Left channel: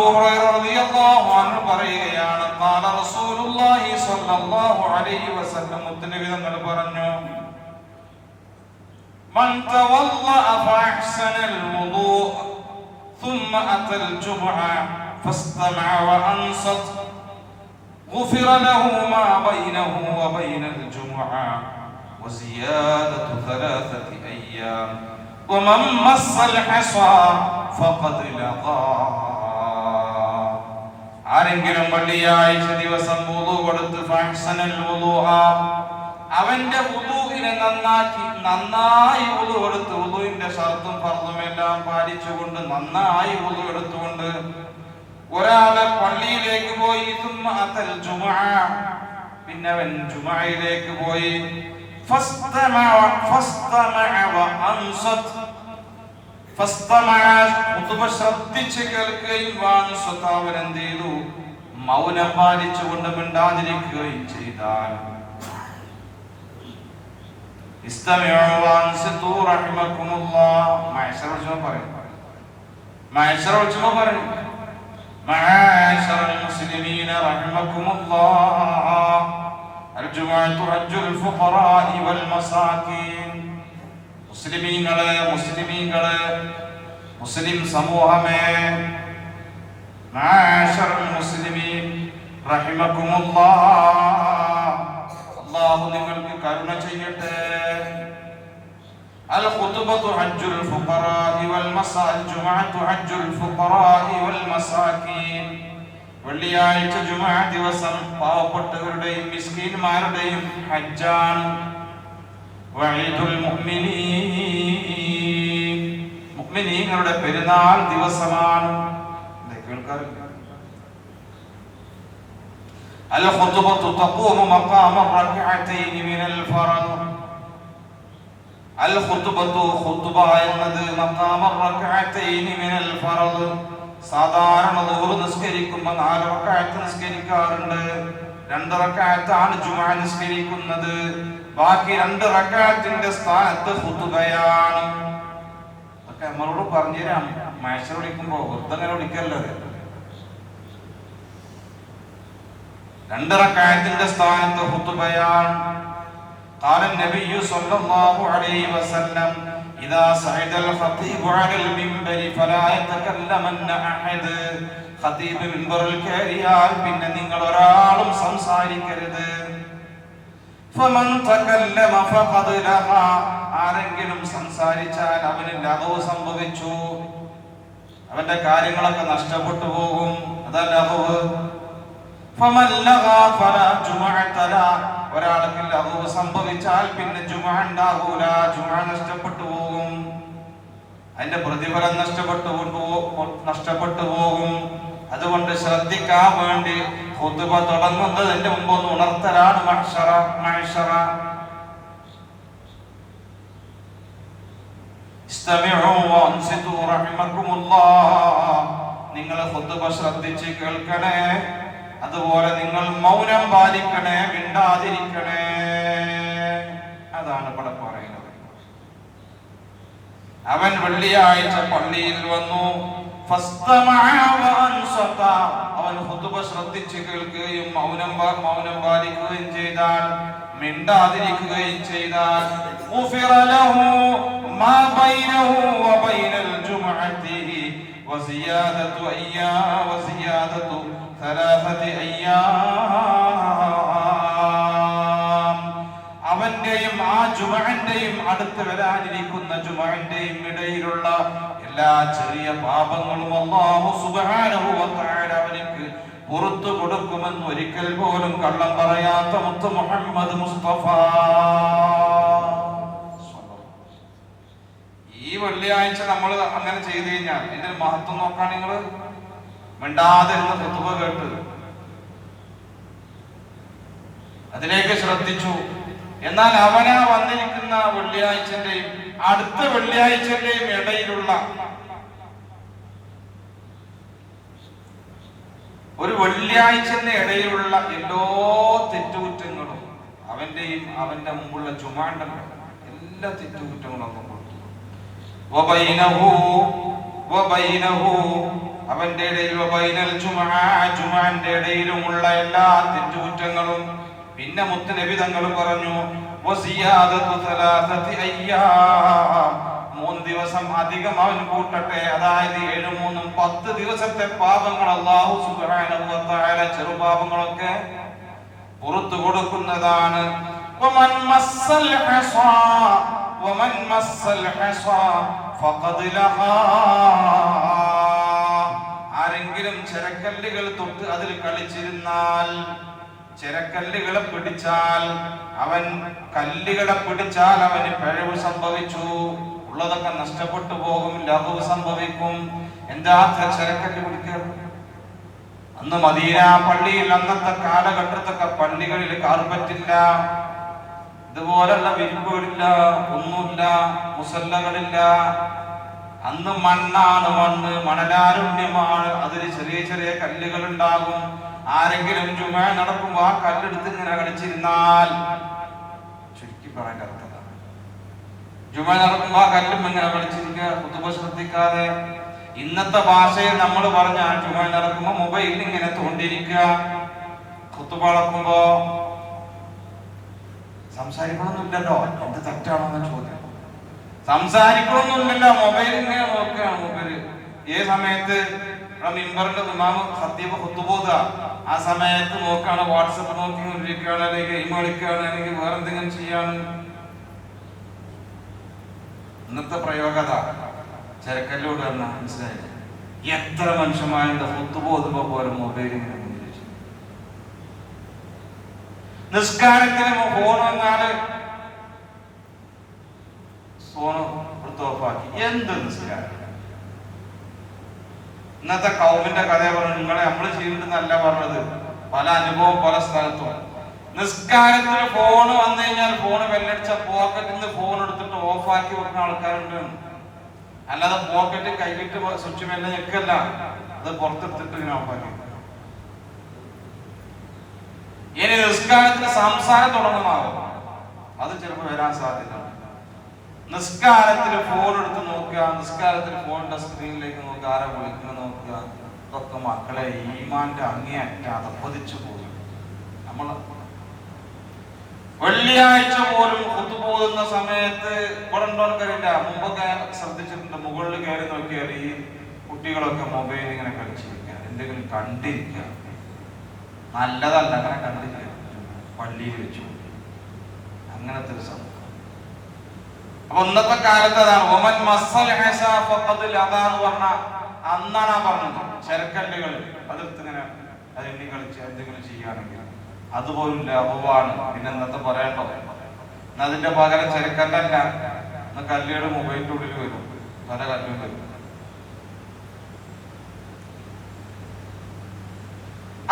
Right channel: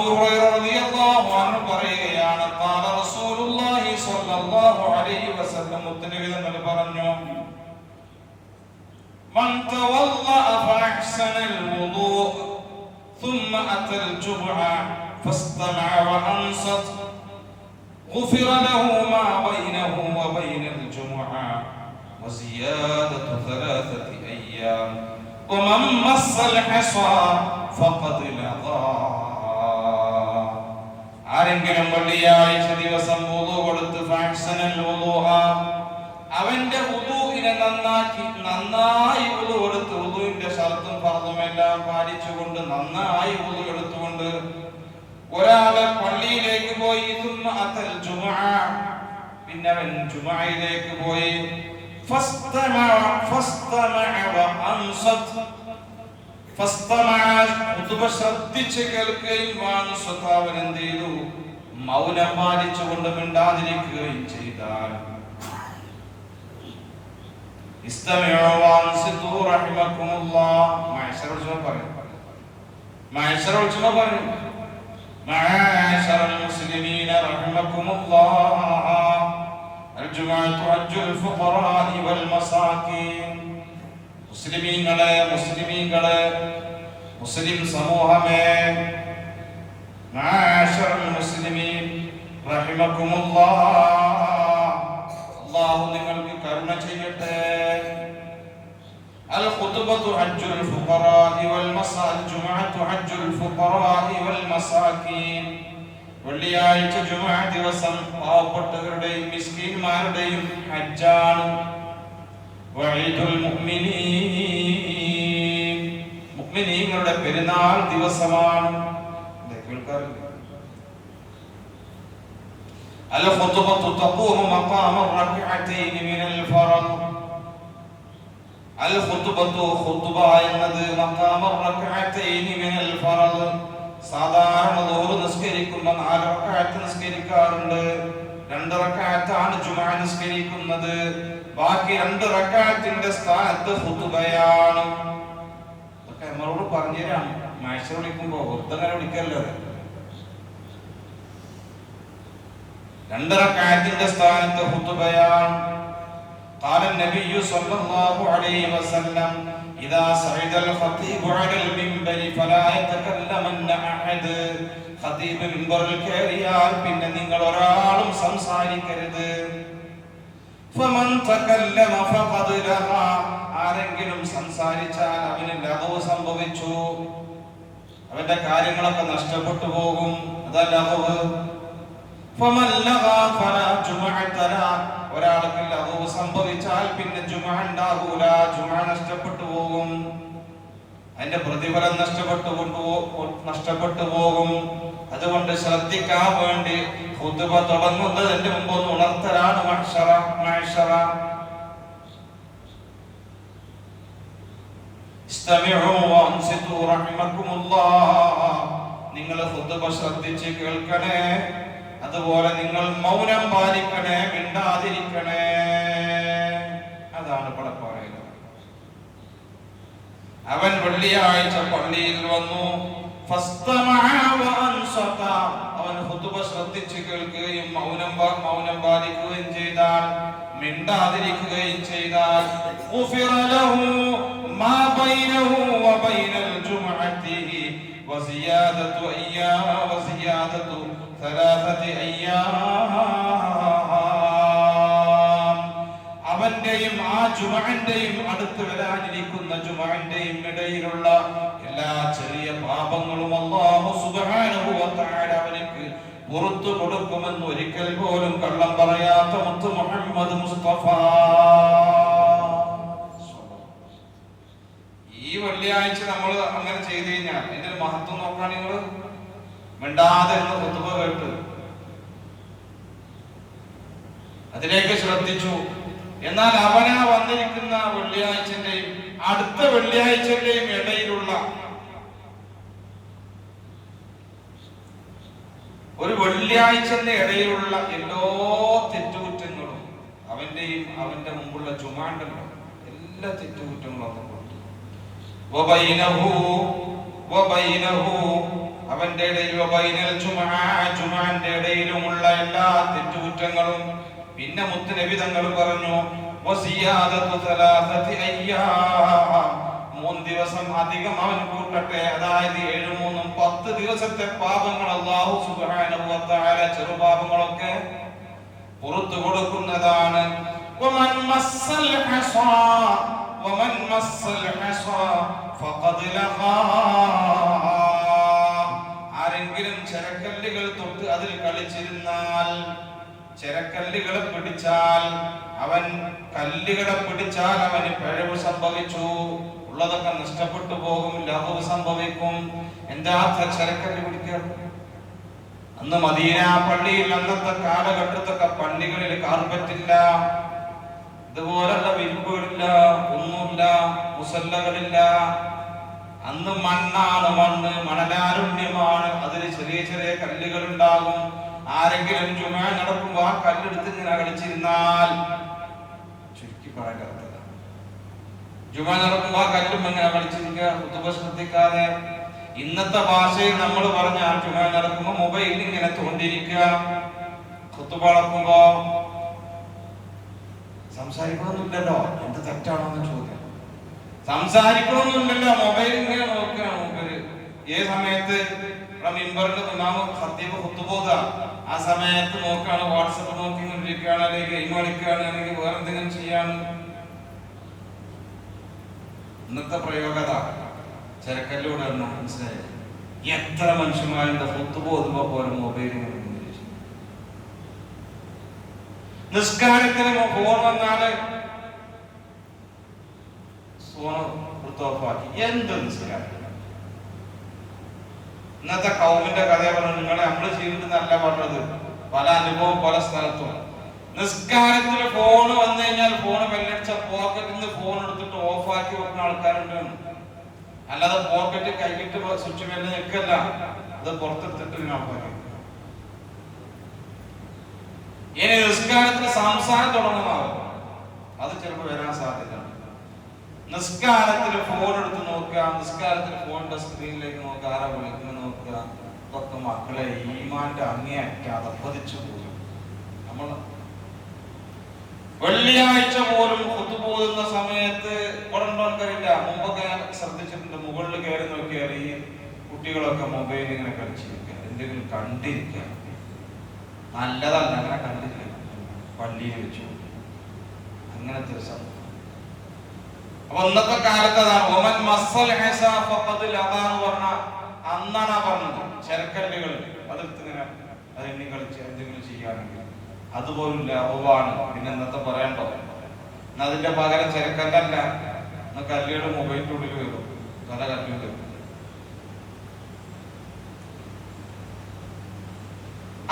ഹുറൈറ റളിയല്ലാഹു അൻഹു പറയുകയാണ് ഖാല റസൂലുള്ളാഹി സ്വല്ലല്ലാഹു അലൈഹി വസല്ലം മുത്തനബി തങ്ങൾ പറഞ്ഞു من تولى فأحسن الوضوء ثم أتى الجمعة فاستمع وأنصت غفر له ما بينه وبين الجمعة وزيادة ثلاثة أيام ومن مس الحصى فقد لغى ആരെങ്കിലും വെള്ളിയാഴ്ച ദിവസം വുളു കൊടുത്ത് അവന്റെ വുളുവിനെ നന്നാക്കി നന്നായി വുളു കൊടുത്ത് വുളുവിന്റെ ഷർത്തും ഫർദും എല്ലാം പാലിച്ചുകൊണ്ട് നന്നായി വുളു എടുത്തുകൊണ്ട് ഒരാളെ പള്ളിയിലേക്ക് പോയി. അത്തൽ പിന്നെ അവൻ ജുമുഅയിലേക്ക് പോയി. ഫസ്തമഅ ഫസ്തമഅ ഖുതുബ ശ്രദ്ധിച്ച് കേൾക്കുകയും വഅൻസത അവൻ എന്ത് ചെയ്തു മൗനം പാലിച്ചുകൊണ്ട് മിണ്ടാതിരിക്കുകയും ചെയ്താൽ ഇസ്തമിഉ വഅൻസിതു റഹിമക്കുമുല്ലാഹ് മഅശറ ഉൽസവ പറയും മഅശറ ഉൽസവ പറയും معاشر المسلمين رحمكم الله الجمعة حج الفقراء والمساكين മുസ്ലിമീങ്ങളെ മുസ്ലിമീങ്ങളെ മുസ്ലിം സമൂഹമേ معاشر المسلمين رحمكم الله അള്ളാഹു നിങ്ങൾക്ക് കരുണ ചെയ്യട്ടെ الخطبة حج الفقراء والمساء الجمعة حج الفقراء والمساكين വെള്ളിയാഴ്ച ജുമാ ദിവസം പാവപ്പെട്ടവരുടെയും മിസ്കീന്മാരുടെയും ഹജ്ജാണ് വഈദുൽ മുഅ്മിനീൻ മുഅ്മിനീങ്ങളുടെ പെരുന്നാൾ ദിവസമാണ് ഇത് കേൾക്കാറില്ല الخطبة تقوم مقام الركعتين من الفرض الخطبة خطبة എന്നത് مقام الركعتين من الفرض സാധാരണ ദുഹർ നിസ്കരിക്കുമ്പോൾ നാല് റക്അത്ത് നിസ്കരിക്കാറുണ്ട് രണ്ട് റക്അത്താണ് ജുമുഅ നിസ്കരിക്കുന്നത് ബാക്കി രണ്ട് റക്അത്തിന്റെ സ്ഥാനത്ത് ഖുതുബയാണ് ഒക്കെ നമ്മളോട് പറഞ്ഞുതരാം മഴ വിളിക്കുമ്പോ വൃദ്ധങ്ങനെ വിളിക്കല്ലോ രണ്ട് റക്അത്തിന്റെ സ്ഥാനത്ത് ഖുതുബയാണ് قال النبي صلى الله عليه وسلم إذا صعد الخطيب على المنبر فلا يتكلمن أحد ഖതീബ് മിമ്പറിൽ കയറിയാൽ പിന്നെ നിങ്ങൾ ഒരാളും സംസാരിക്കരുത്. ആരെങ്കിലും സംസാരിച്ചാൽ അവന് ലഹവ് സംഭവിച്ചു. അവന്റെ കാര്യങ്ങളൊക്കെ നഷ്ടപ്പെട്ടു പോകും. അതല്ല ലഹവ്. ഒരാൾക്ക് ലഹവ് സംഭവിച്ചാൽ പിന്നെ ജുമഅ ഉണ്ടാകൂല ജുമഅ നഷ്ടപ്പെട്ടു പോകും. അതിന്റെ പ്രതിഫലം നഷ്ടപ്പെട്ടു നഷ്ടപ്പെട്ടു പോകും. അതുകൊണ്ട് ശ്രദ്ധിക്കാൻ വേണ്ടി ഖുതുബ തുടങ്ങുന്നതിന്റെ മുമ്പ് ഒന്ന് ഉണർത്തലാണ്. നിങ്ങൾ ഖുതുബ ശ്രദ്ധിച്ച് കേൾക്കണേ. അതുപോലെ നിങ്ങൾ മൗനം പാലിക്കണേ മിണ്ടാതിരിക്കണേ. അതാണ് ഇവിടെ പറയുന്നത്. അവൻ വെള്ളിയാഴ്ച പള്ളിയിൽ വന്നു. അവൻ ഹുതുബ ശ്രദ്ധിച്ചു കേൾക്കുകയും മൗനം മൗനം പാലിക്കുകയും ചെയ്താൽ മിണ്ടാതിരിക്കുകയും ചെയ്താൽ അവന്റെയും ആ ജുമന്റെയും അടുത്ത് വരാനിരിക്കുന്ന ജുമന്റെയും ഇടയിലുള്ള എല്ലാ ചെറിയ പാപങ്ങളും അല്ലാഹു സുബ്ഹാനഹു വ തആല അവനിക്ക് പുറത്തു കൊടുക്കുമെന്ന് ഒരിക്കൽ പോലും കള്ളം പറയാത്ത മുത്ത് മുഹമ്മദ് മുസ്തഫ. ഈ വെള്ളിയാഴ്ച നമ്മൾ അങ്ങനെ ചെയ്തു കഴിഞ്ഞാൽ എന്റെ മഹത്വം നോക്കാൻ നിങ്ങൾ മിണ്ടാതെ ഇരുന്ന് കുത്തുവ കേട്ട്. അതിലേക്ക് ശ്രദ്ധിച്ചു. എന്നാൽ അവനാ വന്നിരിക്കുന്ന വെള്ളിയാഴ്ചന്റെയും അടുത്ത വെള്ളിയാഴ്ചയുടെയും ഇടയിലുള്ള ഒരു വെള്ളിയാഴ്ചന്റെ ഇടയിലുള്ള എല്ലാ തെറ്റുകുറ്റങ്ങളും അവന്റെയും അവന്റെ മുമ്പുള്ള ചുമാണ്ടങ്ങളും എല്ലാ തെറ്റുകുറ്റങ്ങളും ഒന്നും അവന്റെ ഇടയിൽ ഇടയിലുമുള്ള എല്ലാ തെറ്റുകുറ്റങ്ങളും പിന്നെ മുത്തുനബി തങ്ങൾ പറഞ്ഞു മൂന്ന് ദിവസം അധികം അവൻ കൂട്ടട്ടെ. അതായത് ഏഴ് മൂന്നും പത്ത് ദിവസത്തെ പാപങ്ങൾ അള്ളാഹു സുഖാനുഭവത്തായ ചെറുപാപങ്ങളൊക്കെ പുറത്തു കൊടുക്കുന്നതാണ്. ആരെങ്കിലും ചെരക്കല്ലുകൾ തൊട്ട് അതിൽ കളിച്ചിരുന്നാൽ ചെരക്കല്ലുകളെ പിടിച്ചാൽ അവൻ കല്ലുകളെ പിടിച്ചാൽ അവന് പിഴവ് സംഭവിച്ചു. ഉള്ളതൊക്കെ നഷ്ടപ്പെട്ടു പോകും ലഘവ് സംഭവിക്കും. എന്താ ചിരക്കല്ല് പിടിക്കുക? അന്ന് മദീന പള്ളിയിൽ അന്നത്തെ കാലഘട്ടത്തൊക്കെ പള്ളികളിൽ കാർപ്പറ്റില്ല. ഇതുപോലുള്ള വിരിപ്പുകളില്ല ഒന്നുമില്ല മുസല്ലകളില്ല. അന്ന് മണ്ണാണ് മണ്ണ് മണലാരുണ്യമാണ്. അതിൽ ചെറിയ ചെറിയ കല്ലുകൾ ഉണ്ടാകും ആരെങ്കിലും ചുമ നടക്കുമ്പോ ആ കല്ലെടുത്ത് ഇങ്ങനെ കളിച്ചിരുന്നാൽ ചുരുക്കി പറയാൻ അർത്ഥം ജുമാ നടക്കുമ്പോ ആ കല്ലും ഇങ്ങനെ കളിച്ചിരിക്കുക കുത്തുബ ശ്രദ്ധിക്കാതെ. ഇന്നത്തെ ഭാഷയിൽ നമ്മൾ പറഞ്ഞ ജുമാ നടക്കുമ്പോ മൊബൈലിൽ ഇങ്ങനെ തോണ്ടിരിക്കുക കുത്തുബ നടക്കുമ്പോ സംസാരിക്കണമെന്നില്ലല്ലോ എന്ത് തെറ്റാണെന്ന ചോദ്യം. സംസാരിക്കണമെന്നില്ലല്ലോ മൊബൈൽ ഇങ്ങനെ നോക്കുകയാണ് മൂപ്പര്. ഏത് സമയത്ത് ഇവിടെ മിമ്പറിന്റെ ഇമാമ് ഖത്തീബ് ഖുത്തുബോധ ആ സമയത്ത് നോക്കുകയാണ് വാട്സപ്പ് നോക്കി കൊണ്ടിരിക്കുകയാണ് അല്ലെങ്കിൽ ഗെയിം കളിക്കുകയാണ് അല്ലെങ്കിൽ വേറെ എന്തെങ്കിലും ചെയ്യാണ് ഇന്നത്തെ പ്രയോഗത ചെരക്കല്ലോട് പറഞ്ഞ മനസ്സിലായി. എത്ര മനുഷ്യന്മാരുടെ ഖുത്തുബോധുമ്പോ പോലും കൊണ്ടിരിക്കും നിസ്കാരത്തിന് ഫോൺ വന്നാൽ ഫോൺ എന്ത് നിസ്കാരം? ഇന്നത്തെ കൗമിന്റെ കഥ പറഞ്ഞു നിങ്ങളെ നമ്മൾ ചെയ്തിട്ടുന്നല്ല പറഞ്ഞത്. പല അനുഭവം പല സ്ഥലത്തും. നിസ്കാരത്തിന് ഫോൺ വന്നു കഴിഞ്ഞാൽ ഫോൺ വെല്ലടിച്ച പോക്കറ്റിൽ നിന്ന് ഫോൺ എടുത്തിട്ട് ഓഫാക്കി വെക്കുന്ന ആൾക്കാരുണ്ട്. അല്ലാതെ പോക്കറ്റ് കൈകിട്ട് സ്വിച്ച് മെല്ലെ നിൽക്കല്ല അത് പുറത്തെടുത്തിട്ട് ഓഫാക്കി ഇനി നിസ്കാരത്തിന് സംസാരം തുടങ്ങുമാവും അത് ചിലപ്പോൾ വരാൻ സാധ്യത നിസ്കാരത്തിൽ ഫോൺ എടുത്ത് നോക്കുക നിസ്കാരത്തിൽ ഫോണിന്റെ സ്ക്രീനിലേക്ക് നോക്കുക ആരാ വിളിക്കുന്ന നോക്കുക. ഇതൊക്കെ മക്കളെ ഈമാന്റെ അങ്ങേയറ്റ അതപ്പതിച്ചു പോയി. നമ്മൾ വെള്ളിയാഴ്ച പോലും ഒത്തുപോകുന്ന സമയത്ത് ഇവിടെ ഉണ്ടോർക്കറിയില്ല മുമ്പൊക്കെ ശ്രദ്ധിച്ചിട്ടുണ്ട്. മുകളിൽ കയറി നോക്കിയാൽ ഈ കുട്ടികളൊക്കെ മൊബൈൽ ഇങ്ങനെ കളിച്ചിരിക്കുക. എന്തെങ്കിലും കണ്ടിരിക്കുക. നല്ലതല്ല അങ്ങനെ കണ്ടിരിക്കുക പള്ളിയിൽ വെച്ചു. അങ്ങനത്തെ ഒരു സംഭവം. അപ്പൊ ഇന്നത്തെ കാലത്ത് അതാണ്. ഒമൻ മസൽ അതാണ് പറഞ്ഞ അന്നാണ് ആ പറഞ്ഞത്. ചരക്കല്ലുകൾ അതെടുത്ത് ഇങ്ങനെ അതെണ്ണി കളിച്ച് എന്തെങ്കിലും ചെയ്യുകയാണെങ്കിൽ അതുപോലും ലാഭമാണ് പിന്നെ ഇന്നത്തെ പറയണ്ടോ? അതിന്റെ പകരം ചെരക്കല്ലല്ല ഇന്ന് കല്ലുകൾ മൊബൈലിന്റെ ഉള്ളിൽ വരും. പല കല്ലും വരും.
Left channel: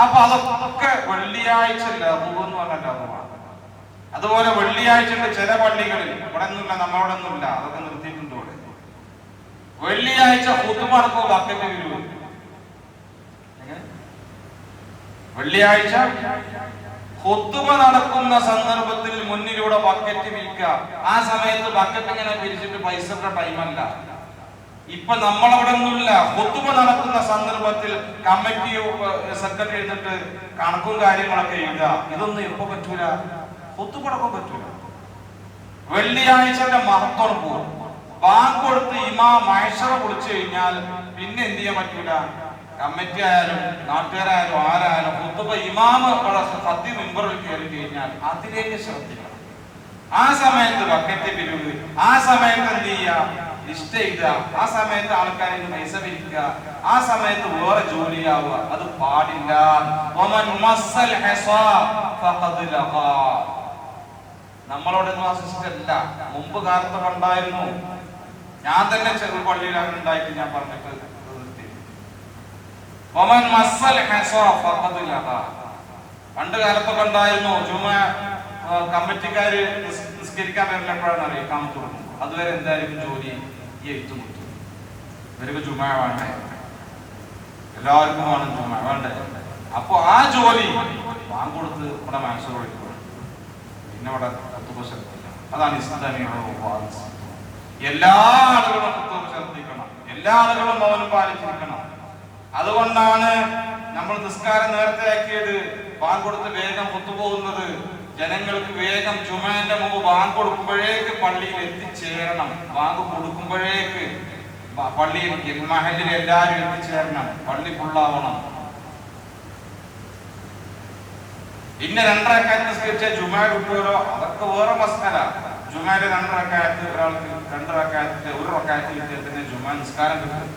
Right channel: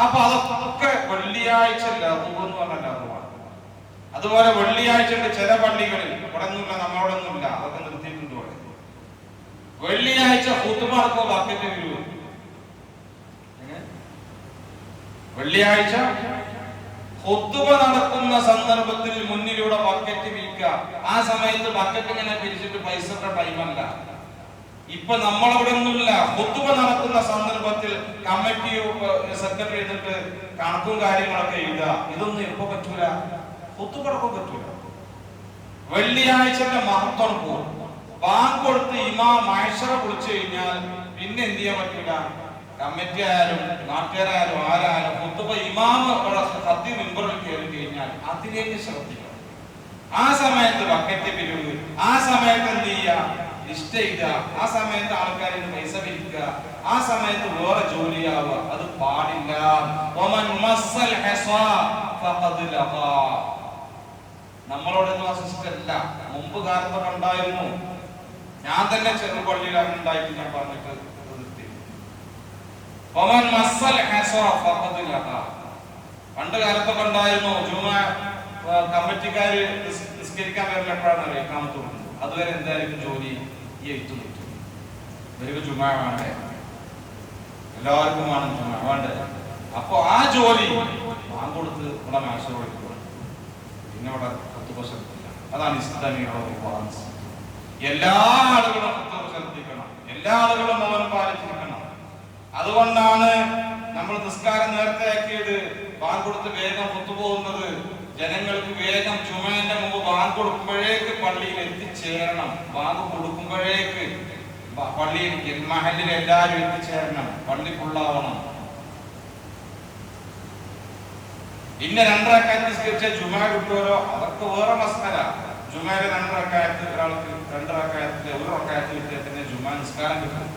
അപ്പൊ അതൊക്കെ വെള്ളിയാഴ്ച ലഘു എന്ന് പറഞ്ഞ ലഘുവാണ് അതുപോലെ വെള്ളിയാഴ്ച ചില പള്ളികളിൽ ഇവിടെ ഒന്നുമില്ല നമ്മളവിടെ ഒന്നുമില്ല അതൊക്കെ നിർത്തിയിട്ടുണ്ട് ഇവിടെ. വെള്ളിയാഴ്ച ഹുത്തുമടക്കോ ബക്കറ്റ് വരുമോ വെള്ളിയാഴ്ച ഹുത്തുമ നടക്കുന്ന സന്ദർഭത്തിൽ മുന്നിലൂടെ ബക്കറ്റ് വിൽക്കുക. ആ സമയത്ത് ബക്കറ്റ് ഇങ്ങനെ പിരിച്ചിട്ട് പൈസയുടെ ടൈമല്ല. ഇപ്പൊ നമ്മളവിടെ ഒന്നുമില്ല ഹുത്തുമ നടക്കുന്ന സന്ദർഭത്തിൽ കമ്മിറ്റി സെക്രട്ടറി എന്നിട്ട് കണക്കും കാര്യങ്ങളൊക്കെ എഴുതുക. ഇതൊന്നും എപ്പോ പറ്റൂല. ഒത്തുപടക്കം പറ്റൂല. വെള്ളിയാഴ്ചന്റെ മഹത്വം പോകും ബാങ്ക് കൊടുത്ത് ഇമാ മഹേശ്വര കുളിച്ചു കഴിഞ്ഞാൽ പിന്നെ എന്ത് ചെയ്യാൻ പറ്റൂല? കമ്മിറ്റി ആയാലും നാട്ടുകാരായാലും ആരായാലും കുത്തുബ ഇമാമ് സത്യ മെമ്പറിൽ കയറി കഴിഞ്ഞാൽ അതിലേക്ക് ശ്രദ്ധിക്കണം. ആ സമയത്ത് ബക്കറ്റ് പിരിവ് ആ സമയത്ത് എന്ത് ചെയ്യുക? ലിസ്റ്റ് ചെയ്യുക ആ സമയത്ത് ആൾക്കാരിൽ പൈസ പിരിക്കുക. ആ സമയത്ത് വേറെ ജോലിയാവുക അത് പാടില്ല. നമ്മളോടൊന്നും ആശ്വസിച്ചല്ല മുമ്പ് കാലത്ത് ഉണ്ടായിരുന്നു ഞാൻ തന്നെ ചെറുപള്ളിയിൽ അങ്ങനെ ഉണ്ടായിട്ട് ഞാൻ പറഞ്ഞിട്ട് പണ്ട് കാലത്തൊക്കെ ഉണ്ടായിരുന്നു ജുമ കമ്മിറ്റിക്കാര് നിസ്- നിസ്കരിക്കാൻ വരലെപ്പോഴാണ് അറിയാം? അറിയിക്കാൻ കൊടുക്കുന്നത് അതുവരെ എന്തായിരിക്കും ജോലി ഈ എഴുത്തു മുത്തു ഇവർക്ക് ജുമ വേണ്ടേ? എല്ലാവർക്കും വേണം ജുമ വേണ്ടേ? അപ്പൊ ആ ജോലി വാങ്ങൊടുത്ത് ഇവിടെ കൊടുക്കും പിന്നെ ഇവിടെ ശ്രദ്ധിക്കണം അതാണ് ഇസ്ലാമിയുടെ വാദം. എല്ലാ ആളുകളും കുത്തുബ ശ്രദ്ധിക്കണം. എല്ലാ ആളുകളും മൗനം പാലിച്ചിരിക്കണം. അതുകൊണ്ടാണ് നമ്മൾ നിസ്കാരം നേരത്തെ ആക്കിയത്. വാൻ കൊടുത്ത് വേഗം ഒത്തുപോകുന്നത്. ജനങ്ങൾക്ക് വേഗം ചുമന്റെ മുമ്പ് ബാങ്ക് കൊടുക്കുമ്പോഴേക്ക് പള്ളിയിൽ എത്തിച്ചേരണം. ബാങ്ക് കൊടുക്കുമ്പോഴേക്ക് പള്ളിയിൽ മഹലിൽ എല്ലാവരും എത്തിച്ചേരണം. പള്ളി ഫുള്ളാവണം ഇന്ന രണ്ടരക്കാലത്ത് നിസ്കരിച്ച ജുമാ കിട്ടുമല്ലോ അതൊക്കെ വേറെ മസ്കാര ജുമായിൽ രണ്ടരക്കാലത്ത് ഒരാൾക്ക് രണ്ടരക്കാലത്ത് ഒരു റക്കാലത്ത് കിട്ടിയാൽ തന്നെ ജുമാ നിസ്കാരം കിട്ടും.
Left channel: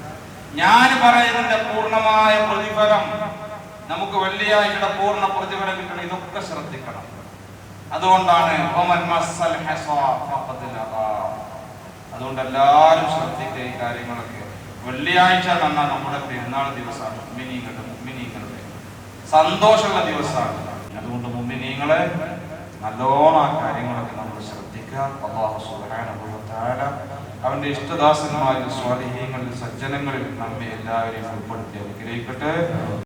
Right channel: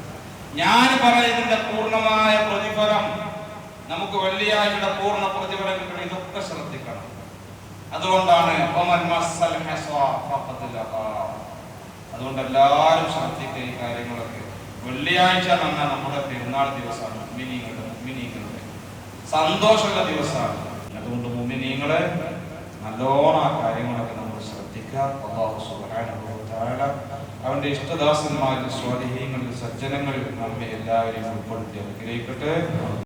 ഞാൻ പറയുന്നതിന്റെ പൂർണമായ പ്രതിഫലം നമുക്ക് വെള്ളിയാഴ്ചയുടെ പൂർണ പ്രതിഫലം കിട്ടണം. ഇതൊക്കെ ശ്രദ്ധിക്കണം. അതുകൊണ്ടാണ്. അതുകൊണ്ട് എല്ലാവരും ശ്രദ്ധിക്കുക ഈ കാര്യങ്ങളൊക്കെ. വെള്ളിയാഴ്ച തന്ന നമ്മുടെ പെരുന്നാൾ ദിവസമാണ്. മുമ്മിനീങ്ങളുടെ മുമ്മിനീങ്ങളുടെ സന്തോഷമുള്ള ദിവസമാണ്. അതുകൊണ്ട് നല്ലോണം ആ കാര്യങ്ങളൊക്കെ നമ്മൾ ശ്രദ്ധിക്കുക. അള്ളാഹു വതആല അവന്റെ ഇഷ്ടദാസന്മാരിൽ സ്വാധീനങ്ങളിൽ സജ്ജനങ്ങളിൽ നമ്മെ എല്ലാവരെയും ഉൾപ്പെടുത്തി. അനുഗ്രഹിക്കട്ടെ.